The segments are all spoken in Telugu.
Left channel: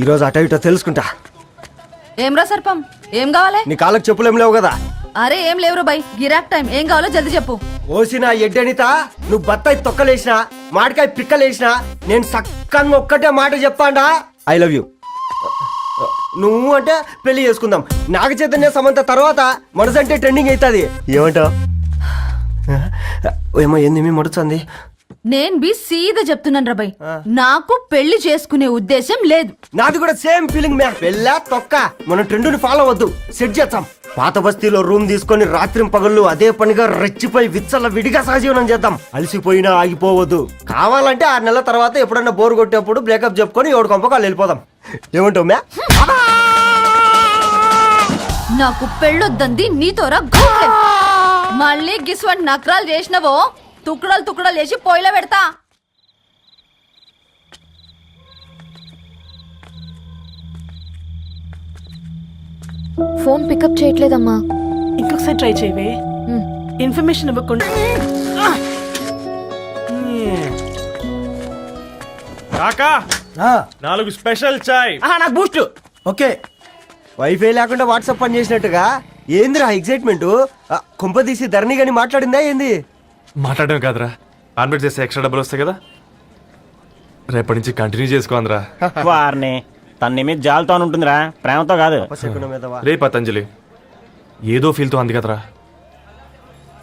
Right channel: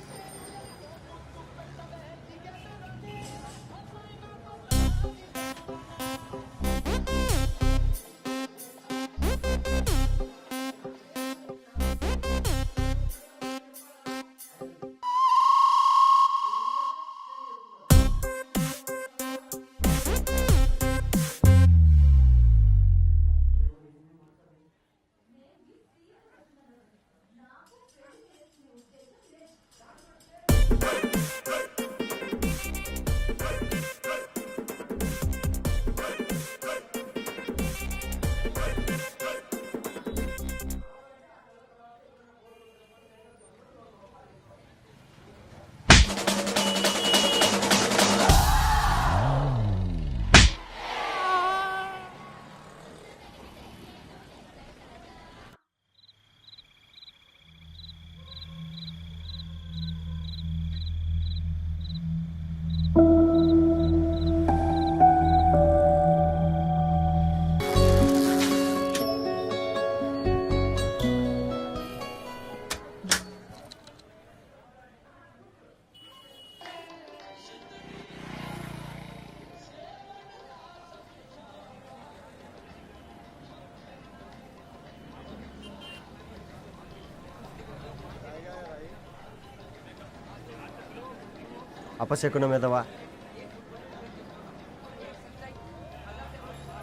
ఈరోజు అటో ఇటో తెలుసుకుంటా. ఏం రా సర్పం, ఏం కావాలి? నీ కాళ్ళకి చెప్పులేం లేవు కదా? అరే ఏం లేవురా బై, గిరాక్ టైం. ఏం కావాలో జల్దీ చెప్పు. ఓసిన ఎడ్డనిత, నువ్వు బత్తాయి తొక్కలేసినా మాడికాయ పిక్కలేసినా నేను సక్కగా ఒక్కటే మాట చెప్పాడా, ఐ లవ్ యూ. నువ్వు అంటే పెళ్లి చేసుకుందాం. నాగ చైతన్య సమంత తర్వాత మనసంటే ట్రెండింగ్ అవుతుంది. ఏమంటావు? ఏమో ఏంది మీ మడుచుంది? నేను బి సీదా చెప్తున్నాను రా బై, నాకు పెళ్లి చేసుకునే ఉద్దేశం లేదు. నాది కూడా సేమ్ ఫీలింగ్ మ్యామ్. పెళ్ళా తొక్క, మన ట్రెండ్ని ఫాలో అవద్దు, సెట్ చేద్దాం. పాత బస్తీలో రూమ్ తీసుకొని రాత్రి పగళ్ళు అదే పనిగా రెచ్చిపోయి విచ్చల విడిగా సహజీవనం చేద్దాం. అలసిపోయినా ఆగిపోవద్దు. కావాలంటే 6 నెలల తర్వాత ఎప్పుడన్నా బోర్ కొట్టేప్పుడు బ్రేకప్ చెప్పుకొని ఎవడు కొంపకాలు వెళ్ళిపోదాం. ఏమంటావు మ్యా? నాకు పెళ్ళొద్దంది నీతోరా గోఖలే. మళ్ళీ గిస్వంటి నకరాలు చేసినవో తుక్కడలు తుక్కడలు చేసి పొయ్యిలో పెడతా. ఫోన్ పికప్ చేయట్లేదమ్మా. ఇంకొకసారి ట్రై చేయవే. ఇన్ఫర్మేషన్ ఇవ్వకుండా. కాకా 4 స్పెషల్ చాయ్. నాకు బూస్ట్. ఓకే. వైఫై లేకుండా వాట్సాప్ పని చేసినట్టుగా ఏందిరా ఎక్సైట్మెంట్? కుంప తీసి ధరణి గాని మాట్లాడిందా ఏంది? మాట్లాడడం కాదురా, కాన్వర్ట్ చేస్తే ఎక్స్ట్రా డబ్బులు వస్తాయి కదా, రేపటి నుంచి కంటిన్యూ చేసుకోందిరా. వారిని తన మీద జాలతో ఉంటుందిరా, ప్రేమతో కాదు. అపశకునం మీదవా? రే పతంజలి, ఏదో ఫీల్తో అంది కదరా,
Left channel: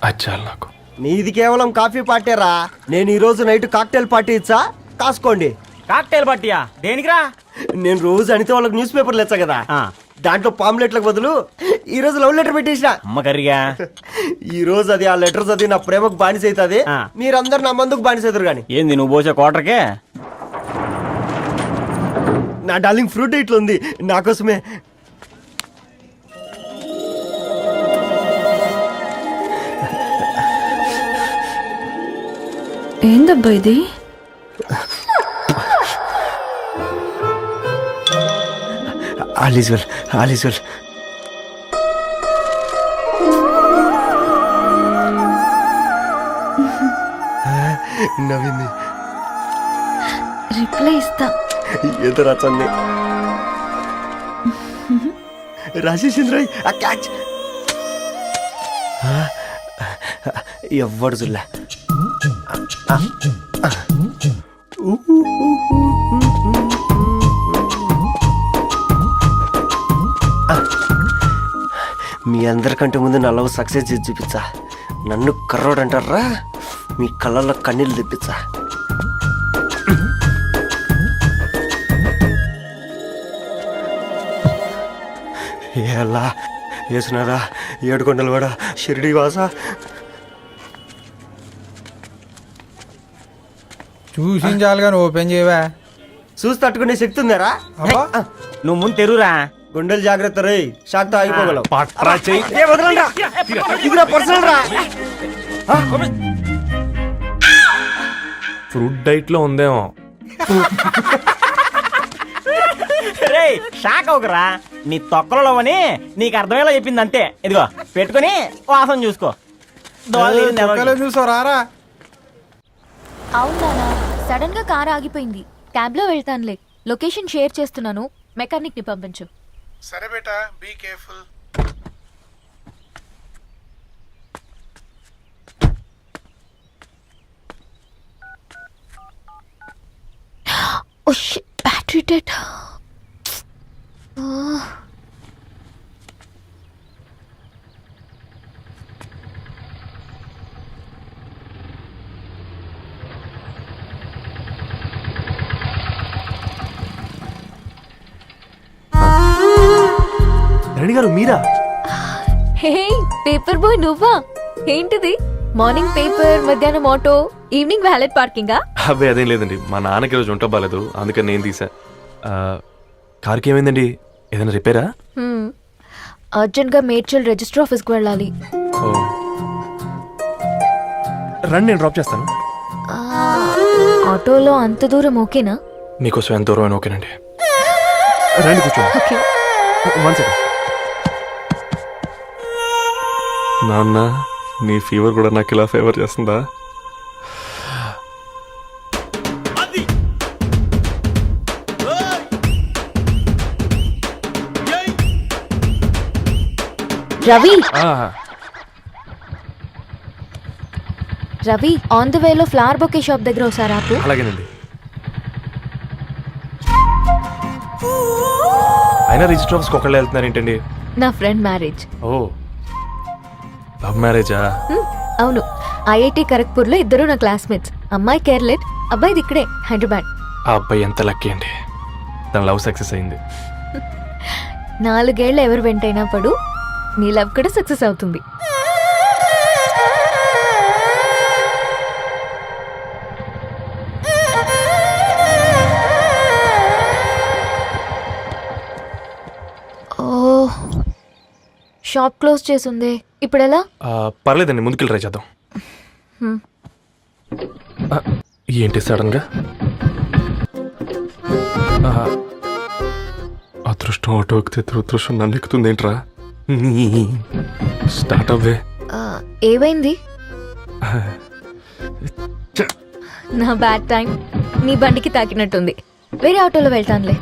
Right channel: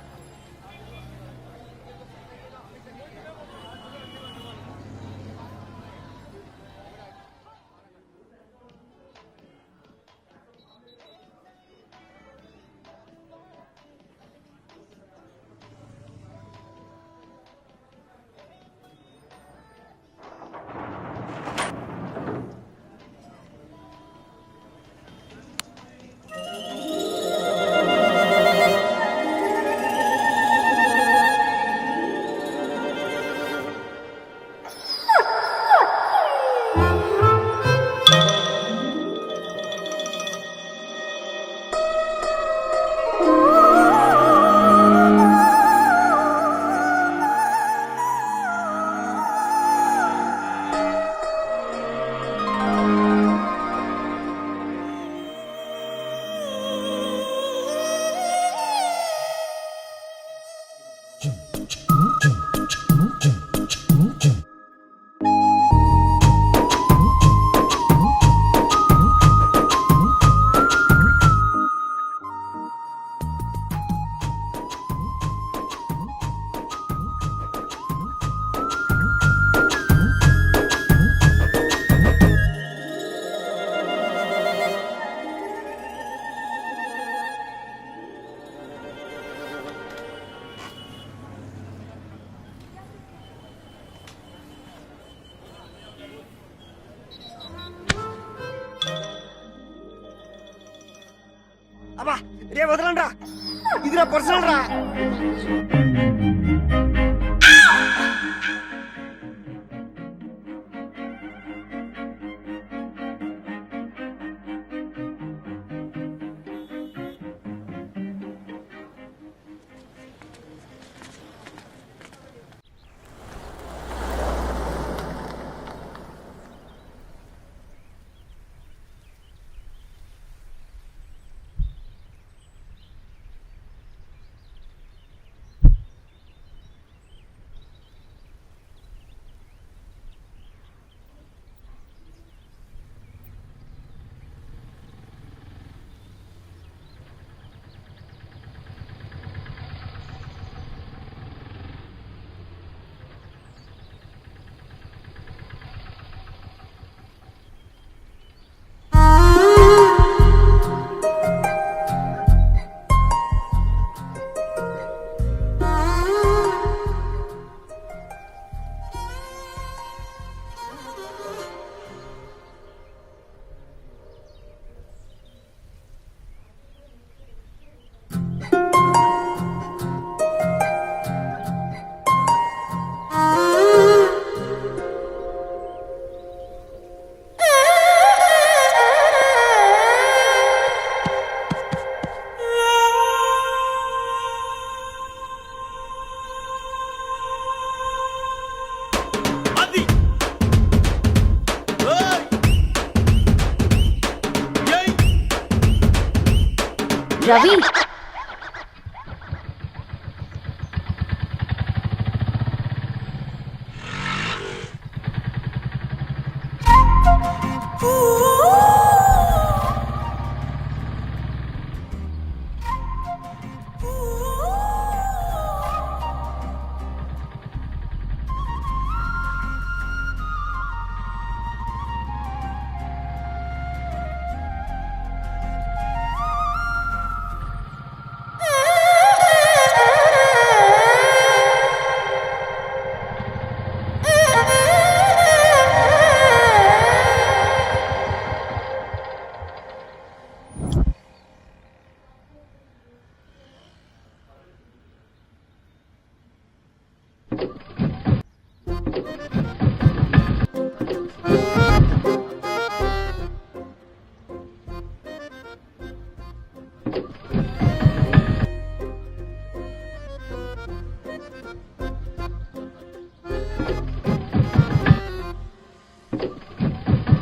అచ్చాలి నాకు. నీది కేవలం కాఫీ పార్టీరా. నేను ఈ రోజు నైట్ కాక్టైల్ పార్టీ ఇచ్చా, కాసుకోండి. కాక్టైల్ పార్టీయా? దేనికిరా? నేను రోజు అనితే వాళ్ళకి న్యూస్ పేపర్లు ఇచ్చా కదా, దాంట్లో పాంప్లెట్లకు బదులు ఈ రోజు లవ్ లెటర్ పెట్టేసిన. అమ్మ కర్రీగా ఈ రోజు అది ఆ లెటర్ చదివి నా ప్రేమకు బానిస అవుతుంది. మీరందరు నా మందుకు బానిస అవుతారు. కానీ ఏంది నువ్వు పోసే క్వార్టర్కే? నా డార్లింగ్ ఫ్రూట్ ఇట్లా ఉంది నా కోసమే. ఏందబ్బా ఇది? All is well, all is well. నవ్వింది. రిప్లై ఇస్తా. ఏదో రాచండి రాజేసింద్ర క్యాచ్. ఎవ్వడు చూడలే. మీ అందరికంటే ముందు నా లవ్ సక్సెస్ చేసి చూపించా. నన్ను కర్రోడు అంటారా, మీ కళ్ళల్లో కన్నీళ్ళు తెప్పించా. ఎలా వేసినారా ఏడుకొండలు కూడా షిరిడి వాస. చూసించాలి కానీ ఓపెన్ చేయవా? చూసి తట్టుకునే శక్తి ఉందారా? నువ్వు ముందు తెరురా. గుండెలు జాగ్రత్త రే, షాక్తో ఆగిపోగలవు. ఫ్రూట్ డైట్ లో ఉందేమో. రే షాక్ అవకరా, నీ తొక్కలలో అని నీకు అర్థమయ్యేలా చెప్పింది అంతే. ఇదిగో పెట్టుకుని వాసన చూసుకో. చూసారా? అవునా, సడన్ గా కార్ ఆగిపోయింది. క్యాబ్ లో వెళ్తానులే. లొకేషన్ షేర్ చేస్తున్నాను, మెకానిక్ ని పంపించు. సరే బేటా, be careful. Oh shit, battery dead. Reddy గారు మీరా? హే పేపర్ బాయ్, నువ్వా? ఏంటిది? మార్నింగ్ పేపర్, మధ్యాహ్నం ఆటో, ఈవినింగ్ వ్యాలెట్ పార్కింగా? అబ్బాయి అదేం లేదండి, మా నాన్నకి రోజు ఉంట బాగాలేదు, అందుకని నేను తీసా. కార్కి ఏమైందండి? ఏదైనా రిపేరా? అర్జెంట్ గా మేడ్చల్ రిజిస్టర్ ఆఫీస్కి వెళ్ళాలి. రండి, నేను డ్రాప్ చేస్తాను. ఆటోలో అంత దూరం ఓకేనా? మీకోసం ఎంత దూరం అయినా ఓకేనండి. రండి కూర్చోండి. నాన్న, నీ ఫీవర్ కూడా నాకు ఇలా ఫేవర్ చేస్తుందా? రవి ఆ, రవి ఆన్ ద వేలో ఫ్లవర్ బొకే షాప్ దగ్గర ఒకసారి ఆపు. అలాగేనండి. అయినా రిజిస్టర్ ఆఫీస్కి ఒకళ్ళు వెళ్తున్నారు ఏంటండి? నా ఫ్రెండ్ మ్యారేజ్. ఓ, లవ్ మ్యారేజా? అవును, ఐఐటి ఖరగ్పూర్లో ఇద్దరు నా క్లాస్మేట్స్. అమ్మాయి కేర్లెట్, అబ్బాయిది ఇక్కడే హైదరాబాద్. ఆ అబ్బాయి ఎంత లక్కీ అండి, తన లవ్ సక్సెస్ అయింది. 4 ఏళ్ళు ఎవరు వెంటైనా పడు, నీ లవ్ కూడా సక్సెస్ అవుతుంది. ఓ, షాప్ క్లోజ్ చేసింది, ఇప్పుడు ఎలా? పర్లేదండి, ముందుకెళ్ళి ట్రై చేద్దాం. ఆ, ఏంటి సడన్గా? అదృష్టం ఆటో ఎక్కితే దురదృష్టం నన్ను ఎక్కుతుంది ఏంట్రా? స్టార్ట్ అవ్వే. ఏమైంది? నా బ్యాడ్ టైం నీ బండికి తాకినట్టుంది. వేరే ఆటోలో వెళ్తానులే,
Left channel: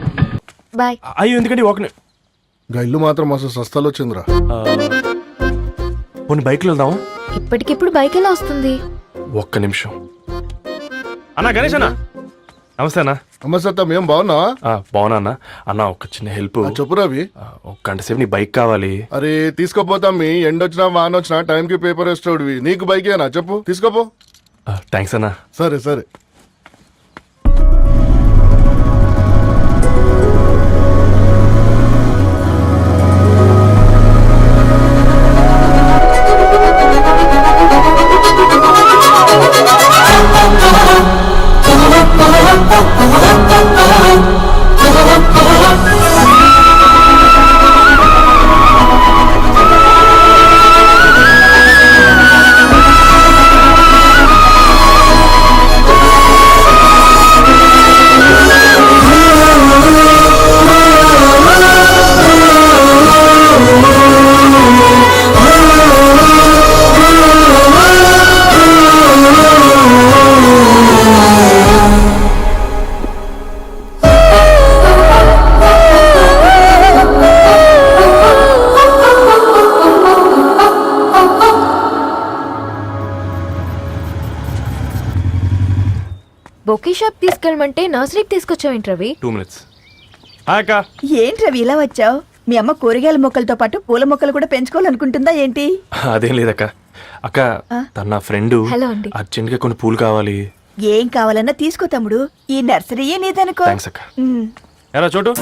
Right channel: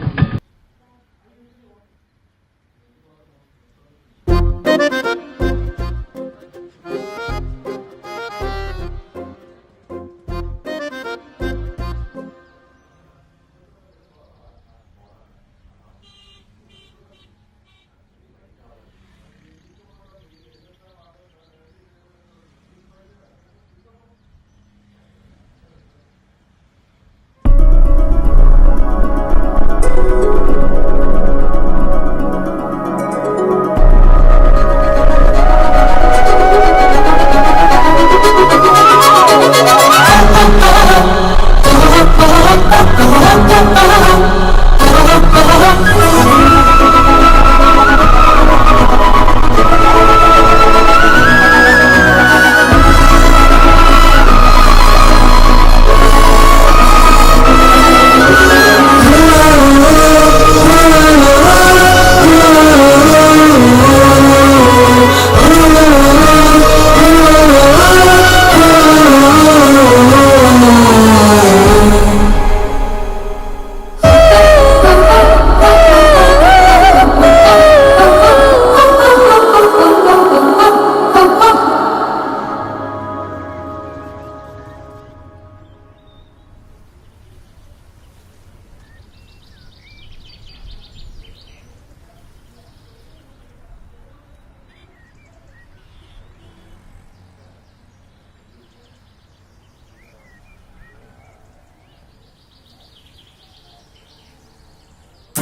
బాయ్. అయ్యో ఎందుకండి ఒక ఇల్లు మాత్రం మస్తు సస్తాలు వచ్చిందిరా. కొన్ని బైక్లో వెళ్దాం. ఇప్పటికిప్పుడు బైక్ ఎలా వస్తుంది? ఒక్క నిమిషం. అన్నా గణేష్ అన్న, నమస్తే అన్న. నమస్తే, ఏం బాగున్నావా? బాగున్నా అన్న. అన్న ఒక చిన్న హెల్ప్. చెప్పు రవి. ఒక గంట సేపు నీ బైక్ కావాలి. అరే తీసుకోపోతాం, మీ ఎండొచ్చినా వాన వచ్చినా టైంకి పేపర్ వేస్తాడువి. నీకు బైకేనా చెప్పు, తీసుకోపో. థ్యాంక్స్ అన్న. సరే సరే. బొకే షాప్ తీసుకెళ్ళమంటే నర్సరీకి తీసుకొచ్చావేంటి రవి? 2 minutes. అక్క, ఏంటి రవి ఇలా వచ్చావు? మీ అమ్మ కూరగాయల మొక్కలతో పాటు పూల మొక్కలు కూడా పెంచుకోవాలనుకుంటుందా ఏంటి? అదేం లేదక్క. అక్క, తన నా ఫ్రెండ్ హలో అండి. అర్జెంట్గా కొన్ని పూలు కావాలి. ఏం కావాలన్నా తీసుకో తమ్ముడు, ఈ నర్సరీయే నీదనుకో. థ్యాంక్స్ అక్క. ఎలా చోటు,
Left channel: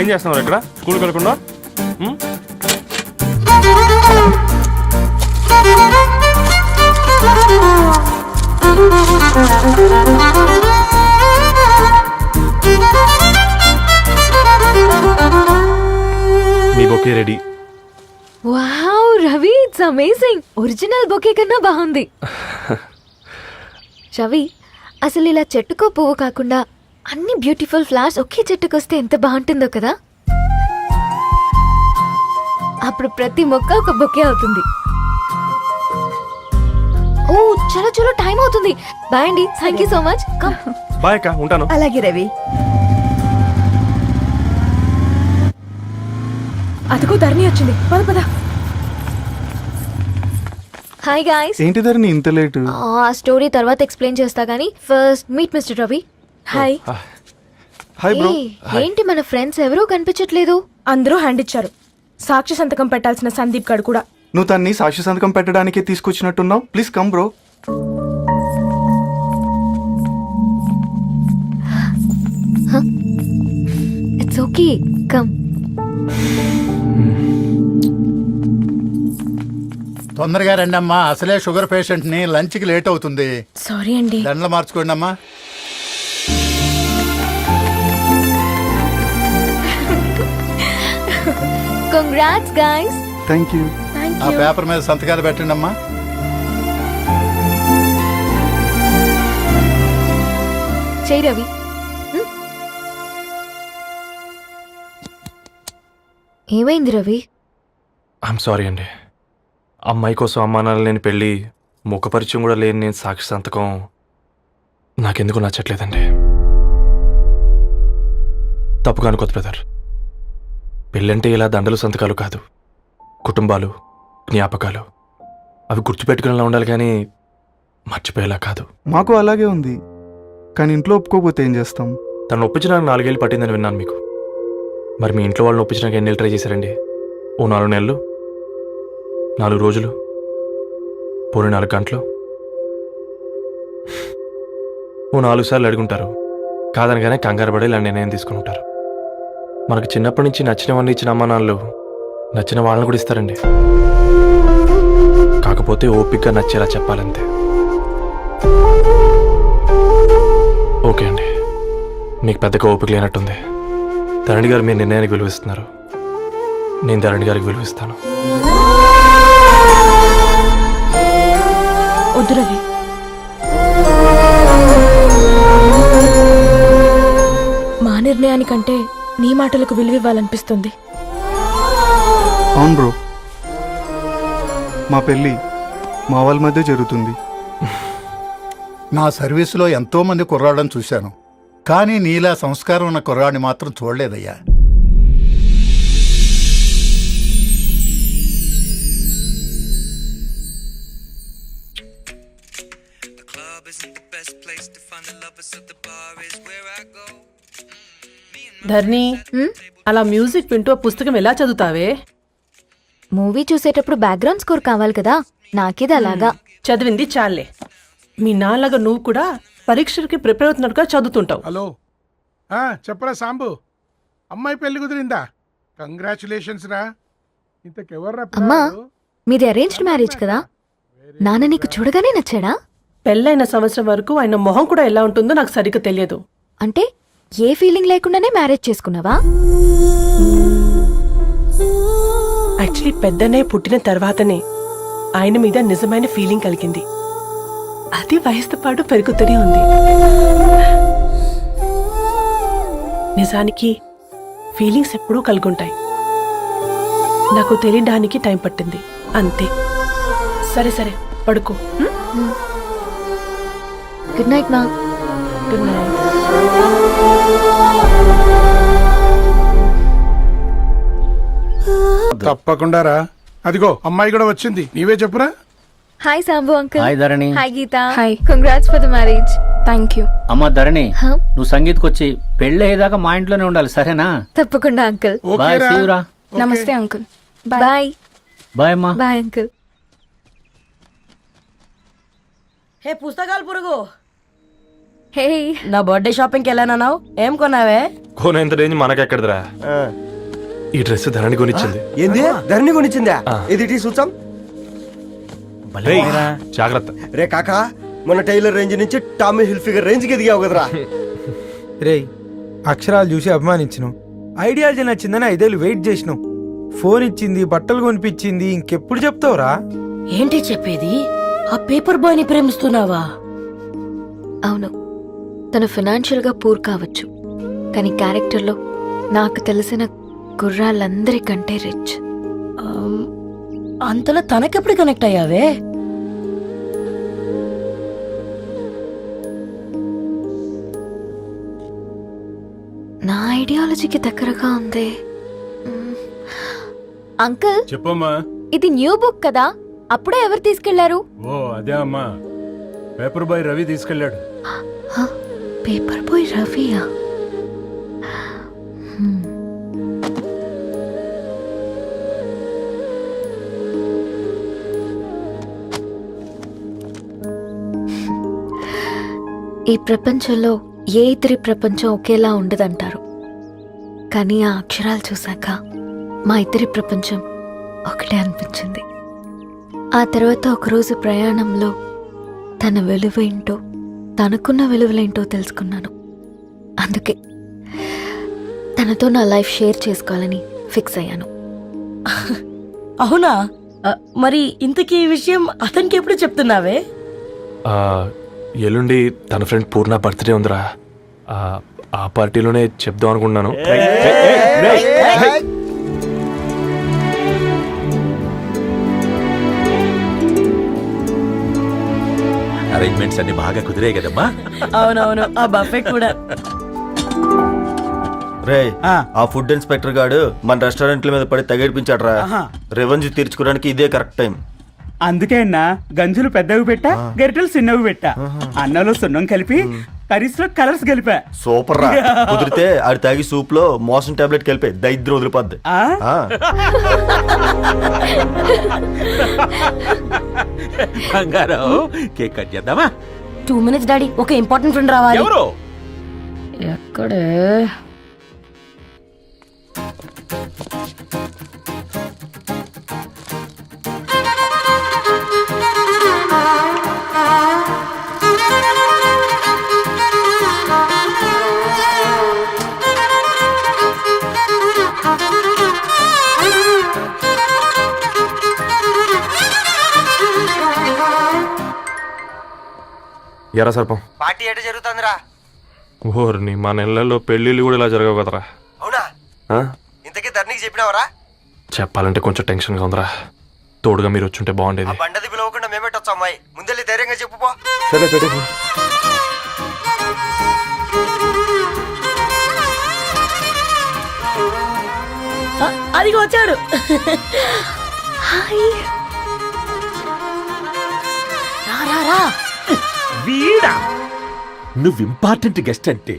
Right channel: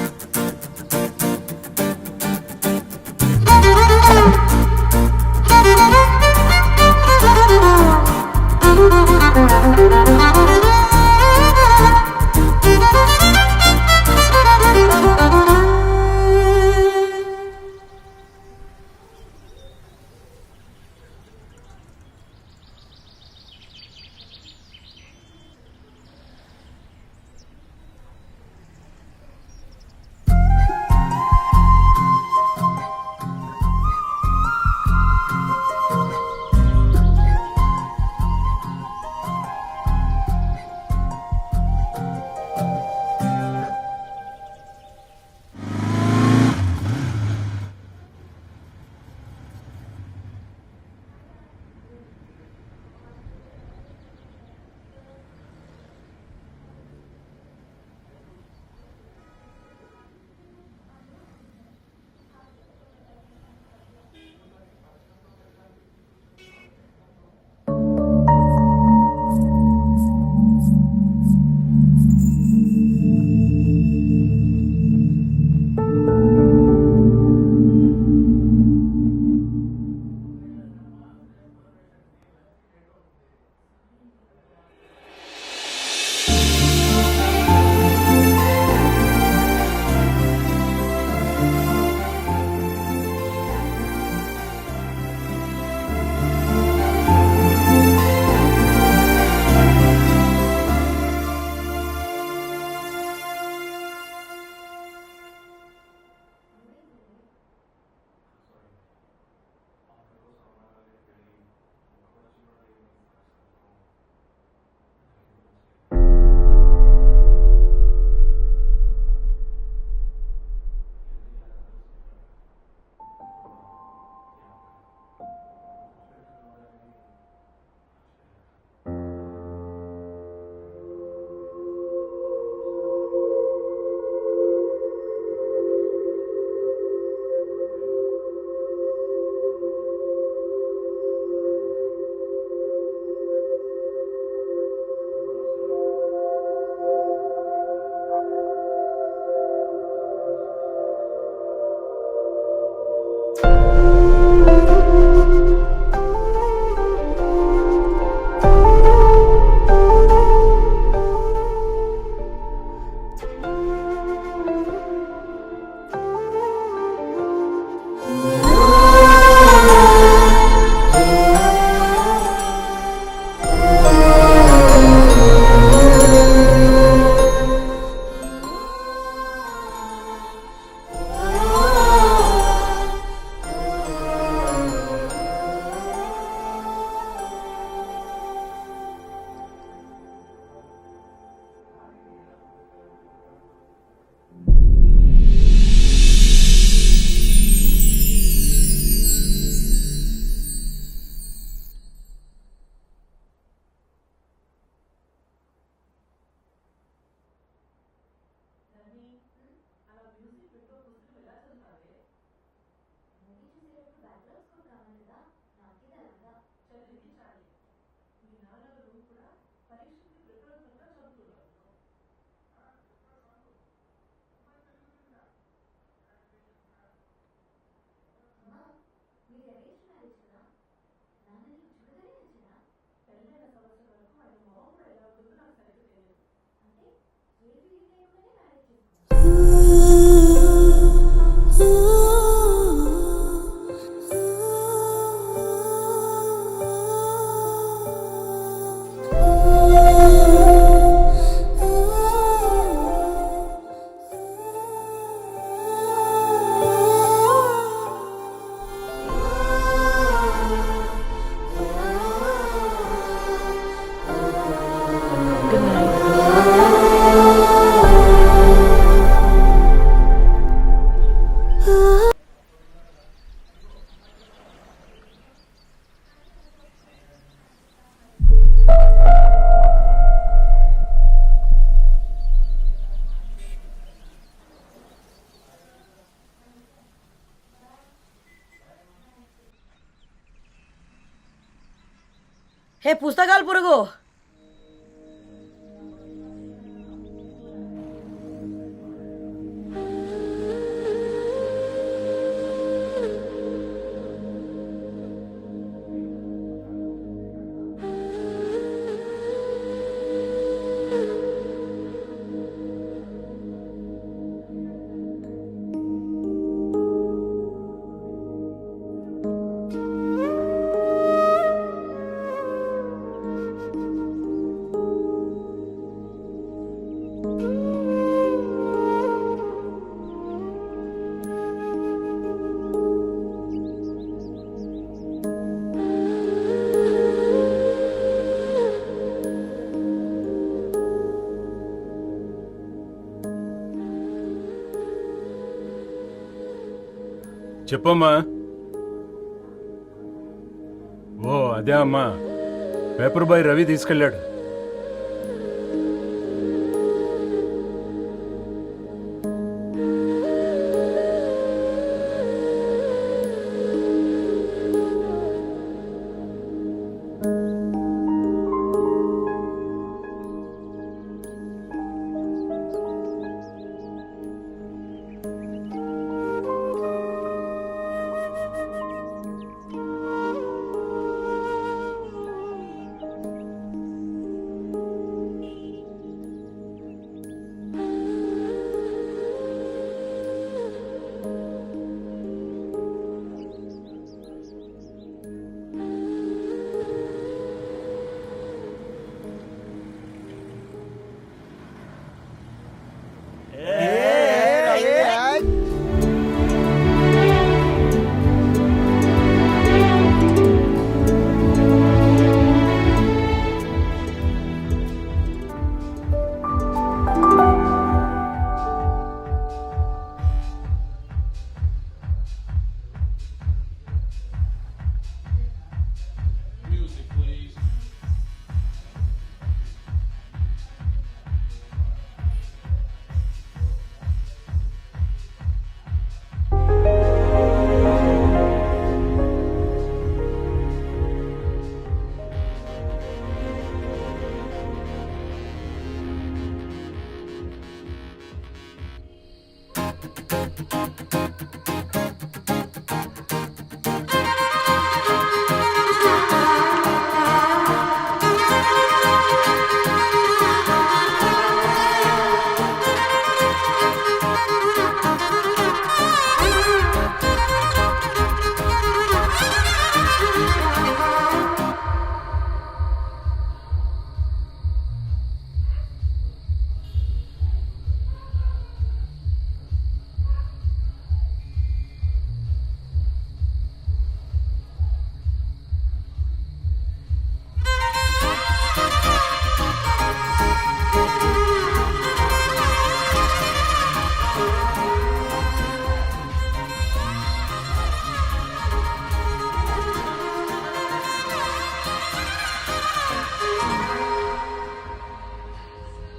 ఏం చేస్తున్నావు ఇక్కడ? స్కూల్కి వెళ్ళకుండా? మీ bouquet ready. Wow Ravi, it's amazing. Original bouquet కన్నా బాగుంది. రవి, అసలు ఇలా చెట్టుకో పువ్వు కాకుండా అన్ని బ్యూటిఫుల్ ఫ్లవర్స్ ఒకే చెట్టుకొస్తే ఎంత బాగుంటుందో కదా. అప్పుడు ప్రతి మొక్క ఒక బొకే అవుతుంది. ఓ చలో చలో, టైం అవుతుంది. బాయ్ అండి, thank you so much. Come. Bye అక్క, ఉంటాను. అలాగే రవి. అదిగో ధరణి వచ్చింది, పద పద. Hi guys. ఏంటి ధరణి ఇంత లేటు? ఆ స్టోరీ తర్వాత ఎక్స్ప్లెయిన్ చేస్తా గానీ first meet mister Ravi. Hi. Hi bro. ఏంటి మన ఫ్రెండ్స్ ఎవరూ కనిపించట్లేదు? అందరూ హ్యాండ్ ఇచ్చారు. సాక్షి సంతకం పెట్టాల్సిన సందీప్ గడు కూడా. నువ్వు తన్ని సాక్షి సంతకం పెట్టడానికే తీసుకొచ్చినట్టున్నావు. Please come bro. It's okay, come. తొందరగా రండి అమ్మా, అసలే షుగర్ పేషెంట్ ని, లంచ్ కి లేట్ అవుతుంది. సారీ అండి. దండలు మార్చుకోండి అమ్మా. Congrats guys. Thank you. ఆ పేపర్ మీద సంతకాలు పెట్టండి అమ్మా. చెయ్ రవి. ఏమైంది రవి? ఐఎమ్ సారీ అండి. అమ్మాయి కోసం అమ్మానాలు లేని పెళ్ళి, ముఖపరిచయం కూడా లేని నేను సాక్షి సంతకం నాకెందుకు నచ్చట్లేదండి. తప్పుగా అనుకోదు బ్రదర్. పెళ్ళంటే ఇలా దండలు సంతకాలు కాదు, కుటుంబాలు, జ్ఞాపకాలు. అవి గుర్తుపెట్టుకునేలా ఉండాలి కానీ మర్చిపోయేలా కాదు. మాకు అలాగే ఉంది, కానీ ఇంట్లో ఒప్పుకోకపోతే ఏం చేస్తాం? తను ఒప్పించడానికి 4 ఏళ్ళు పట్టిందని విన్నాను మీకు. మరి మీ ఇంట్లో వాళ్ళని ఒప్పించడానికి ఎన్ని ఏళ్ళు ట్రై చేశారండి? ఓ 4 నెలలు, 4 రోజులు, పోనీ 4 గంటలు, ఓ 4 సార్లు అడుగుంటారు. కాదనగానే కంగారు పడి ఇలా నిర్ణయం తీసుకుని ఉంటారు. మనకు చిన్నప్పటి నుంచి నచ్చినవన్నీ ఇచ్చిన అమ్మ నాన్నలు నచ్చిన వాళ్ళని కూడా ఇస్తారండి. కాకపోతే ఓపికగా నచ్చేలా చెప్పాలంతే. ఓకే అండి, మీకు పెద్దగా ఓపిక లేనట్టుంది. ధరణి గారు మీ నిర్ణయానికి విలువిస్తున్నారు, నేను ధరణి గారికి విలువిస్తాను. వద్దు రవి, మా నిర్ణయానికంటే నీ మాటలకు విలువివ్వాలనిపిస్తుంది. అవును బ్రో, మా పెళ్ళి మా వాళ్ళ మధ్య జరుగుతుంది. నా సర్వీసులో ఎంతో మంది కుర్రాళ్ళని చూశాను, కానీ నీలా సంస్కారం ఉన్న కుర్రాడిని మాత్రం చూడలేదయ్యా. ధర్ని, అలా మ్యూజిక్ వింటూ ఆ పుస్తకం ఎలా చదువుతావే? మూవీ చూసేటప్పుడు బ్యాక్గ్రౌండ్ స్కోర్ కావాలి కదా, నాకిది అలాగా. చదివింది చాలే. మీ నాన్నగా నువ్వు కూడా పరీక్షలకి ప్రిపేర్ అవుతున్నట్టుగా చదువుతుంటావు. హలో చెప్పరా సాంబు, అమ్మాయి పెళ్లి కుదిరిందా? కంగ్రాచులేషన్స్ రా. ఇంతకెవర్రా అమ్మా, పిల్లాడు? మీది అరేంజ్డ్ మ్యారేజ్ కదా, నాన్న నీకు చూడగానే నచ్చాడా? పెళ్ళైన సంవత్సరం వరకు ఆయన మొహం కూడా ఎలా ఉంటుందో నాకు సరిగ్గా తెలియదు. అంటే ఏ ఫీలింగ్ లేకుండానే మ్యారేజ్ చేసుకున్నావా? యాక్చువల్లీ పెద్దనే పుట్టిన తర్వాతనే ఆయన మీద నిజమైన ఫీలింగ్ కలిగింది. అది వయసుతో పాటు పెరుగుతూనే ఉంది. నిజానికి ఫీలింగ్స్ ఎప్పుడూ కలుగుంటాయి. నాకు తెలియడానికి టైం పట్టింది అంతే. సరే సరే, పడుకో. గుడ్ నైట్ మా. Good night. తప్పకుండా రా. అదిగో అమ్మాయి కూడా వచ్చింది, నీవే చెప్పురా. Hi Sambu uncle. Hi Dharani. Hi Geetha. Hi. Congrats for the marriage. Thank you. అమ్మ ధరణి, Huh? నువ్వు సంగీత్కి వచ్చి పెళ్ళి అయ్యేదాకా మా ఇంట్లోనే ఉండాలి, సరేనా? తప్పకుండా అంకుల్. బాయ్, ఓకేరా? see you రా. నమస్తే అంకుల్. బాయ్. బాయ్ అమ్మా. Bye uncle. హే పుస్తకాలు పురుగు, హే. నా బర్త్డే షాపింగ్కి వెళ్ళానన్నావు, ఏం కొన్నావే? కోనేంత రేంజ్ మనకెక్కడదిరా. ఈ డ్రెస్ ధరణి కొనిచ్చింది. ఏంది ధరణి కొనిచ్చిందా? ఇది టీ సూచం. రేయ్, జాగ్రత్త. రే కాకా, మన టైలర్ రేంజ్ నుంచి టామీ హిల్ఫిగర్ రేంజ్ కి ఎదిగావు కదరా. రేయ్, అక్షరాలు చూసి అభిమానించను, ఐడియాలజీ నచ్చిందని 5 ఏళ్ళు వెయిట్ చేసినావు. ఫోన్ ఇచ్చింది, బట్టలు కొనిపించింది, ఇంకెప్పుడు చెప్తావురా? ఏంటి చెప్పేది? ఆ పేపర్ బాయ్ ని ప్రేమిస్తున్నావా? అవును, తను ఫినాన్షియల్ గా పూర్ కావచ్చు, కానీ క్యారెక్టర్లో నాకు తెలిసిన కుర్రాళ్ళందరికంటే రిచ్. అంతలో తనకెప్పుడు కనెక్ట్ అయ్యావే? నా ఐడియాలజీకి దగ్గరగా ఉంది. అంకుల్, చెప్పమ్మా. ఇది న్యూ బుక్ కదా, అప్పుడే ఎవరు తీసుకెళ్లారు? ఓ అదే అమ్మా, పేపర్ బాయ్ రవి తీసుకెళ్ళాడు. పేపర్ బాయ్ రవియా? ఈ ప్రపంచంలో ఏ ఇద్దరి ప్రపంచం ఒకేలా ఉండదంటారు, కానీ ఆ అక్షరాలు చూశాక మా ఇద్దరి ప్రపంచం ఒకటే అనిపించింది. ఆ తర్వాత ఒకరోజు ప్రయాణంలో తన విలువేంటో, తనకున్న విలువలేంటో తెలుసుకున్నాను. అందుకే తనతో నా లైఫ్ షేర్ చేసుకోవాలని ఫిక్స్ అయ్యాను. అవునా? మరి ఇంతకీ ఈ విషయం అతనికి ఎప్పుడు చెప్తున్నావే? ఎల్లుండి తన ఫ్రెండ్ పూర్ణ బర్త్డే ఉందిరా. ఆ పార్టీలోనే చెప్దాం అనుకుంటున్నాను. అరేంజ్మెంట్స్ అన్ని బాగా కుదిరే కదమ్మా. అవునవును, ఆ బఫే కూడా. రే ఆ ఫుడ్ ఇన్స్పెక్టర్ గాడు మన రెస్టారెంట్ల మీద పడి తగేడిపించాడ్రా. రెవెన్యూ తీర్చుకోవడానికి ఇదే కరెక్ట్ టైం. అందుకే అన్న గంజులు పెద్దవి పెట్టా గరిటెలు చిన్నవి పెట్టా అన్నంలో సున్నం కలిపి కర్రీస్ లో కలర్స్ కలిపా. సూపర్ రా. కుదిరితే ఆడి తాగి సూప్ లో మోషన్ టాబ్లెట్ కలిపి దరిద్రం వదిలిపోద్ది. బంగారం కేక్ కట్ చేద్దామా? 2 minutes డాడీ, ఒక ఇంపార్టెంట్ ఫ్రెండ్ రావాలి. ఎవరు? ఎక్కడే? ఎరా సర్పం, పార్టీ ఎట జరుగుతుందిరా? ఓర్ని మా నెలల్లో పెళ్ళిళ్ళు కూడా ఇలా జరగవు కదరా. అవునా? ఇంతకీ ధరణికి చెప్పినావరా? చెప్పాలంటే కొంచెం టెన్షన్గా ఉందిరా. తోడుగా మీరు వచ్చుంటే బాగుండేది. బండది పిలవకుండా మేమేటొచ్చా అమ్మాయి? ముందెళ్ళి ధైర్యంగా చెప్పుపో. సరే సరే. అదిగో వచ్చాడు. వీడా? నువ్వు ఇంపార్టెంట్ గెస్ట్ అంటే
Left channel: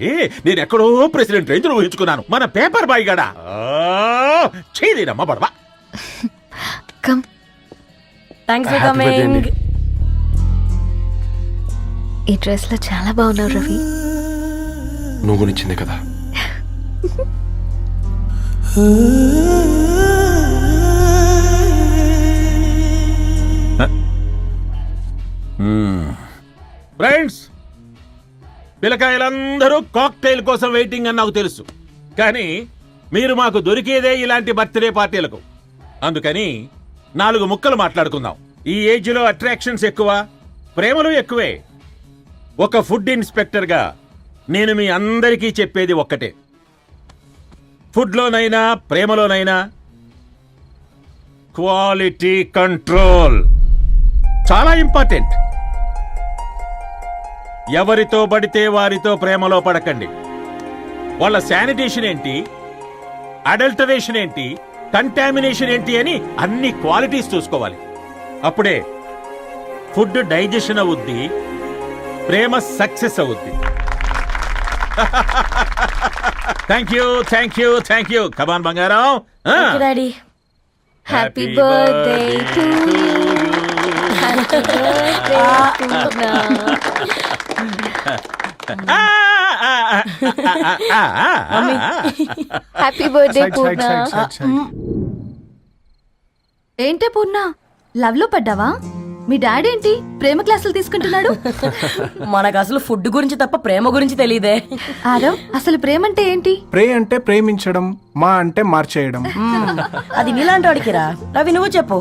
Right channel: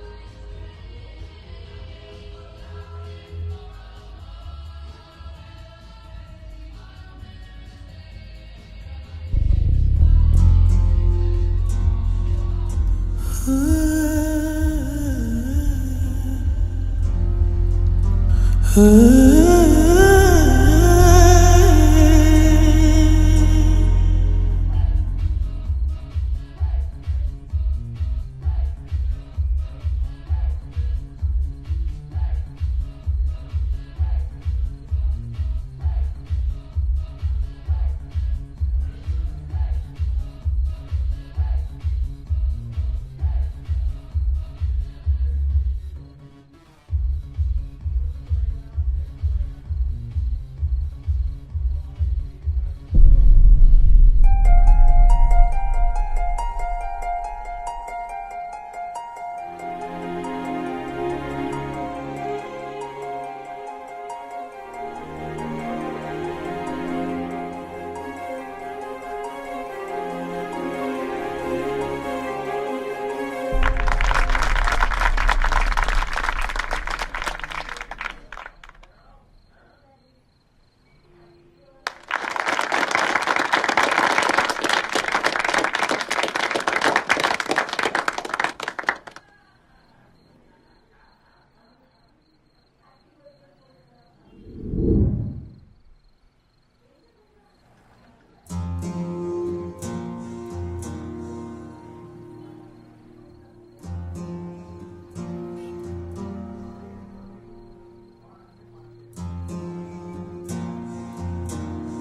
నేను ఎక్కడో ప్రెసిడెంట్ రేంజ్ ఊహించుకున్నాను. మన పేపర్ బాయ్ గడా చేయలేనమ్మా బడవా. Come. Thanks for Happy birthday coming. అండి. ఈ డ్రెస్ లో చాలా బాగున్నావు రవి. నువ్వు గురించిందే కదా. ఫ్రెండ్స్, పిల్లకాయలందరూ కాక్టైల్ కోసం వెయిటింగ్ అని నాకు తెలుసు. కానీ మీరు మాకు దొరికేదే ఇలాంటి బర్త్డే పార్టీలకు. అందుకని 4 ముక్కలు మాట్లాడుకుందాం. ఈ ఏజ్ లో అట్రాక్షన్స్ ఎక్కువ, ప్రేమలు ఎక్కువే. ఒక ఫుడ్ ఇన్స్పెక్టర్ గా నేను మీ అందరికీ చెప్పేది ఒక్కటే. ఫుడ్ లోనైనా ప్రేమలోనైనా క్వాలిటీ కంట్రోల్ చాలా ఇంపార్టెంట్. ఎవరితో పడితే వారితో ప్రేమలో పడకండి. వాళ్ళ శానిటేషన్ ఏంటి, అడల్టరేషన్ ఏంటి, కంటామినేషన్ ఏంటి అని అన్ని క్వాలిటీస్ చూసుకోవాలి. అప్పుడే ఫుడ్ డైజెషన్ అవుద్ది, ప్రేమ సక్సెస్ అవుద్ది. Thank you thank you thank you. Come on బంగారం. Daddy, happy birthday to happy birthday Purna. ఏంటే పూర్ణ, లవ్ లో పడ్డావా? మీ డాడీ ఏంటి ప్రేమ క్లాసులు తీసుకుంటున్నాడు? మనకు అసలు ఫుడ్ గురించి తప్ప ప్రేమ గురించి తెలియదే. ఆరవ్, అసలు ప్రేమ అంటే ఏంటి? ప్రే అంటే ప్రేమించడం, మా అంటే మార్చేయడం. అది నీలాంటి వాడికిరా. రవి నువ్వు చెప్పు.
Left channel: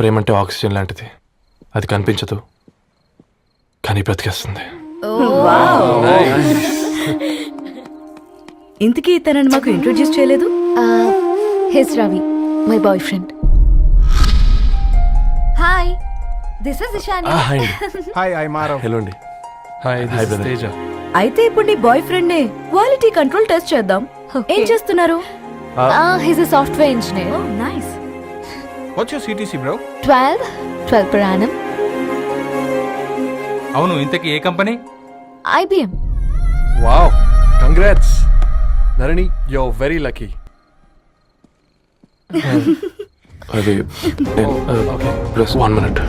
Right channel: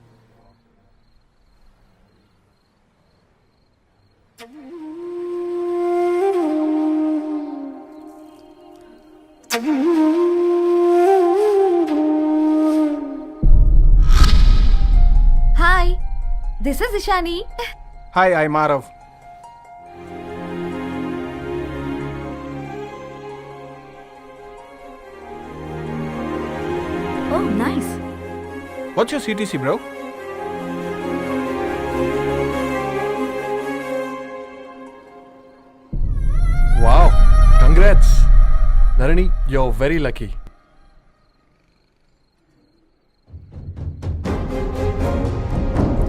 ప్రేమ అంటే ఆక్సిజన్ లాంటిది. అది కనిపించదు కానీ బ్రతికేస్తుంది. ఇంతకీ తనని మాకు ఇంట్రొడ్యూస్ చేయలేదు. His Ravi, my boyfriend. Hi, this is Ishani. Hi, I మారవ్. హలో అండి. హాయ్ తేజ. అయితే ఇప్పుడు నీ బాయ్ ఫ్రెండ్ నే క్వాలిటీ కంట్రోల్ టెస్ట్ చేద్దాం. ఏం చేస్తున్నారు? His a software engineer. Oh nice. What's your CTC bro? 12 per annum. అవును, ఇంతకీ ఏ company? IBM. Wow, congrats Dharani, you are very lucky. అది ప్లస్ 1 minute.